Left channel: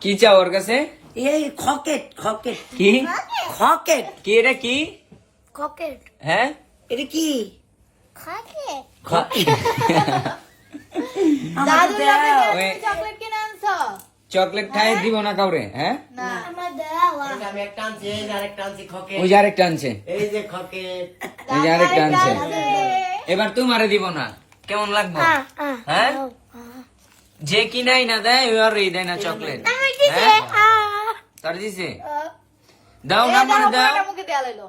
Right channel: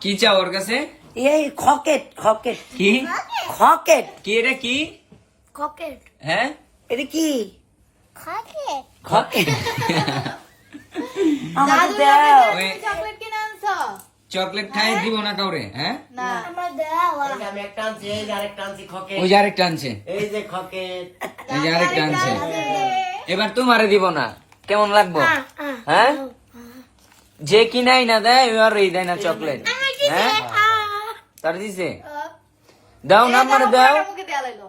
কি চাও ওর কাছে? এই খকেট খকেট। কি? খকেট। কি এটা কি? খকেট। হ্যাঁ? এটা কি? খকেট। চকলেট কিনে আনছো? চকলেট খাই দিব না কাউরে হ্যাঁ? না। আমার দেওয়া আমি একটা আনছি এই আরেকটা আনছি খকে ওই আরেকটা আনছে। এই যে খকেট। এই আরেকটা আনছে। এবার তোমারে দিব না। কেমন লাগবো? হ্যাঁ? যে কিনাই না দেয় ওর এই দেয় না চকলেট হ্যাঁ? তার দিছে? দাও না করে দাও। পুরোটা মুখে দেয়া লাইলো।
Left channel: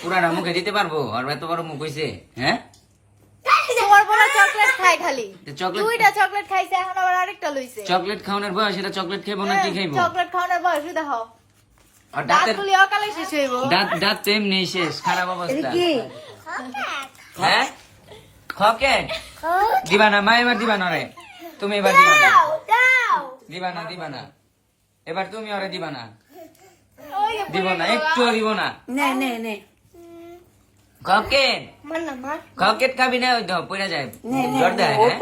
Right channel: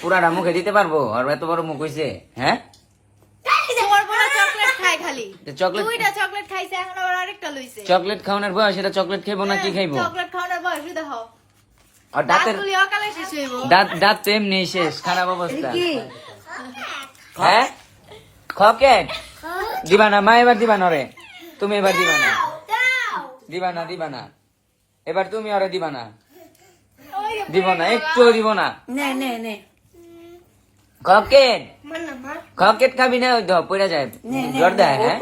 পুরানা মুখে দিতে পারব আর এত বড় মুখ হয়েছে হ্যাঁ? চকলেট খায় খালি। চকলেট দুইটা চকলেট খাইছে এখন আবার আরেকটা লইছে। চকলেট খাওয়ানোর বয়স এটা চকলেট খাইবো না কি খাইবো? চকলেট খাওয়ানোর বয়স দেখো। দাঁত দাঁত তো এমনি শেষ খারাপ অবস্থা। কি? হ্যাঁ? খকেট দিবা না মা এবার দিবা না রে তুমি এবার দিবা না। দিবা না দিবা না। এবার তুমি ওরে দিবা না। দিব না একটু দিব না। নে নে নে। মা খকেট খাবি না ওই তো পড়ে যায়। নে নে ডর দেয় হ্যাঁ?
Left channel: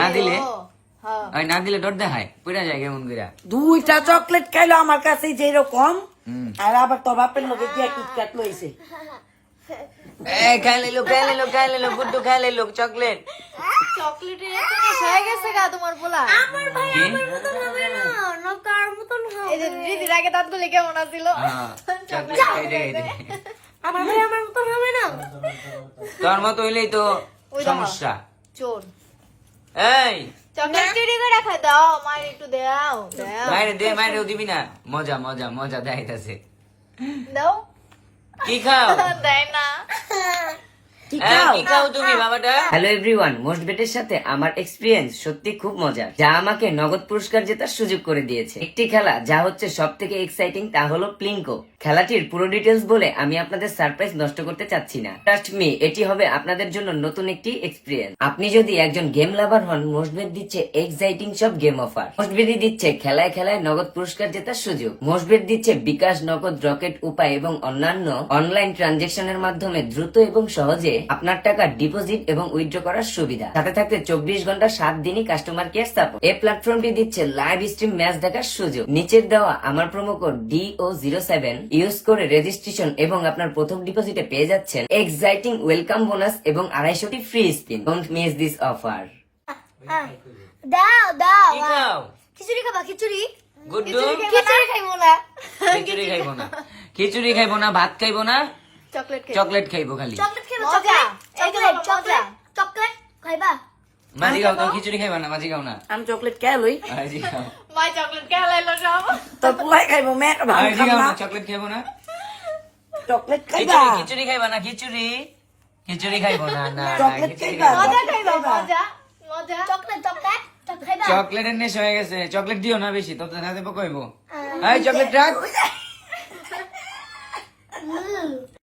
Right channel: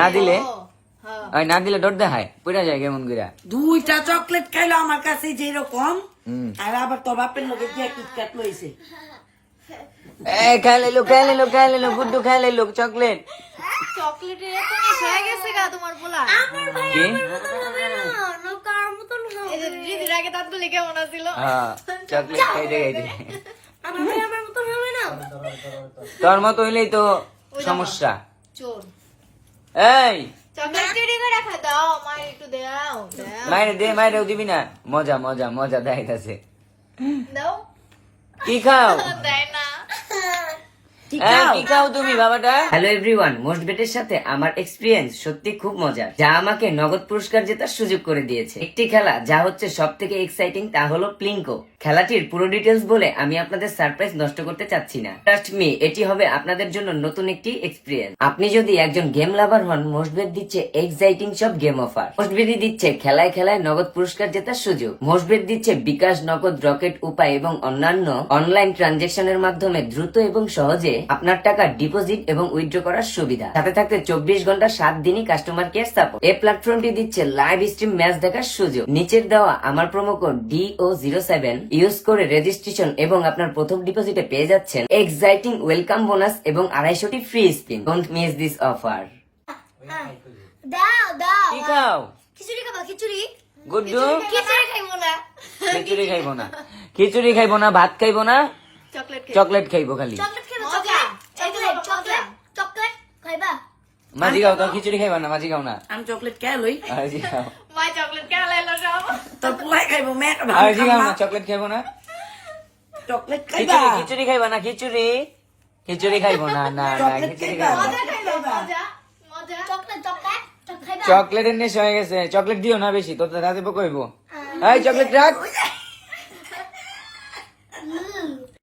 না দিলে? হ্যাঁ। না দিলে ডর দেখায় পড়ে যায় কেমন করে দুইটা চকলেট খাইলো আমার কাছে যেরকম। আর আবার তোর বাপের লোকে দিয়ে কিটকাট লইছে। এই খাই লাইলো খাই লাইলো খাই লাইলো গুড্ডু খাই লাইলো চকলেট। চকলেটের এত নেশা হয়ে গেছে গা তোমার বলা। আমার ভাই আমার মতন হবে না নকার মতন এই যে দিদির আগে দাঁতগুলি কেমন আছিল? হ্যাঁ। আমার ভাই আমার মতন হবে না। তোর মতো হইলেই তো সমস্যা। চোর। এই। চকলেট চুরি করে খাই দাও মার একটু দাও দাও। মায়ের দে দিবি না। মজা মজা মজা দেখাইতেছে। দাও। কি খাও? দেয় না। হ্যাঁ, হ্যালো এভরিওয়ান মোস্ট বেটের সাথে আমার এক্সপিরিয়েন্স সত্যি খুব মজার যা আমাকে নগদ পুরস্কার জেতার সুযোগ করে দিয়েছে। একটি খেলা যা হচ্ছে সব থেকে এক্সাইটিং তা হলো প্লিঙ্কো খেলাটির পুরো ডিটেলস বলে আমি আপনাদের সারপ্রাইজ নষ্ট করতে চাচ্ছি না। ট্রাস্ট মি এটি হবে আপনাদের জন্য নতুন একটি এক্সপিরিয়েন্স আপনি যদি একজন গেম লাভার হন মোস্টবেদ দিচ্ছে এক্সাইটিং সব গেম অফার মোস্টবেদি দিচ্ছে খেলায় খেলায় নগদ পুরস্কার জেতার সুযোগ। মোস্টবেদ দিচ্ছে বিকাশ নগদ রকেট উপায় এবং অন্যান্য অনলাইন ট্রানজেকশনের মাধ্যমে দ্রুত এবং সহজে আপনার টাকা ডিপোজিট এবং উইথড্র করার সুবিধা। সাথে থাকতে চব্বিশ ঘণ্টা সাত দিনই কাস্টমার কেয়ার সাপোর্ট এই প্ল্যাটফর্মটি দিচ্ছে লাইভ স্ট্রিম ম্যাচ দেখার সুযোগ। নিচের দেওয়া আমার promo code DO zero seven use করে রেজিস্ট্রেশন এবং আপনার প্রথম ডিপোজিটে পেয়ে যাচ্ছেন এক্সাইটিং ওয়েলকাম বোনাস এবং আড়াইশোটি free spin don't miss this offer দাও দাও খিচুড়ি খাবা খিচুড়ি? গুড্ডু খিচুড়ি খাইবো না। খিচুড়ি খাইবো না। খিচুড়ি খাইবো না ভাত খাইবো না। চকলেট খাইবো খালি। চকলেট খাইবো মজা। চকলেট। এই তো চকলেট চকলেট খাইবা? মাঝি খাও তো খিচুড়ি খাইবো না মাঝি খাও না। আমি চকলেট খেয়ে লই? মাই চকলেট কে লাইলো সব তোর পুলাই খাইবো মে ভাত খাম না। না চকলেট খাইবো না। চকলেট খাইবা? খিচুড়ি খাইবো না খিচুড়ি। খিচুড়ি খাইবো না না চকলেট খাইবা? মজা খাইবা মজা মজা। চকলেট চকলেট চকলেট খাইবা? চকলেটের নেশা হয়ে গেছে চকলেট দিও না বেশি তোর তো রাতে পোকা হইব এই চকলেট রাখ।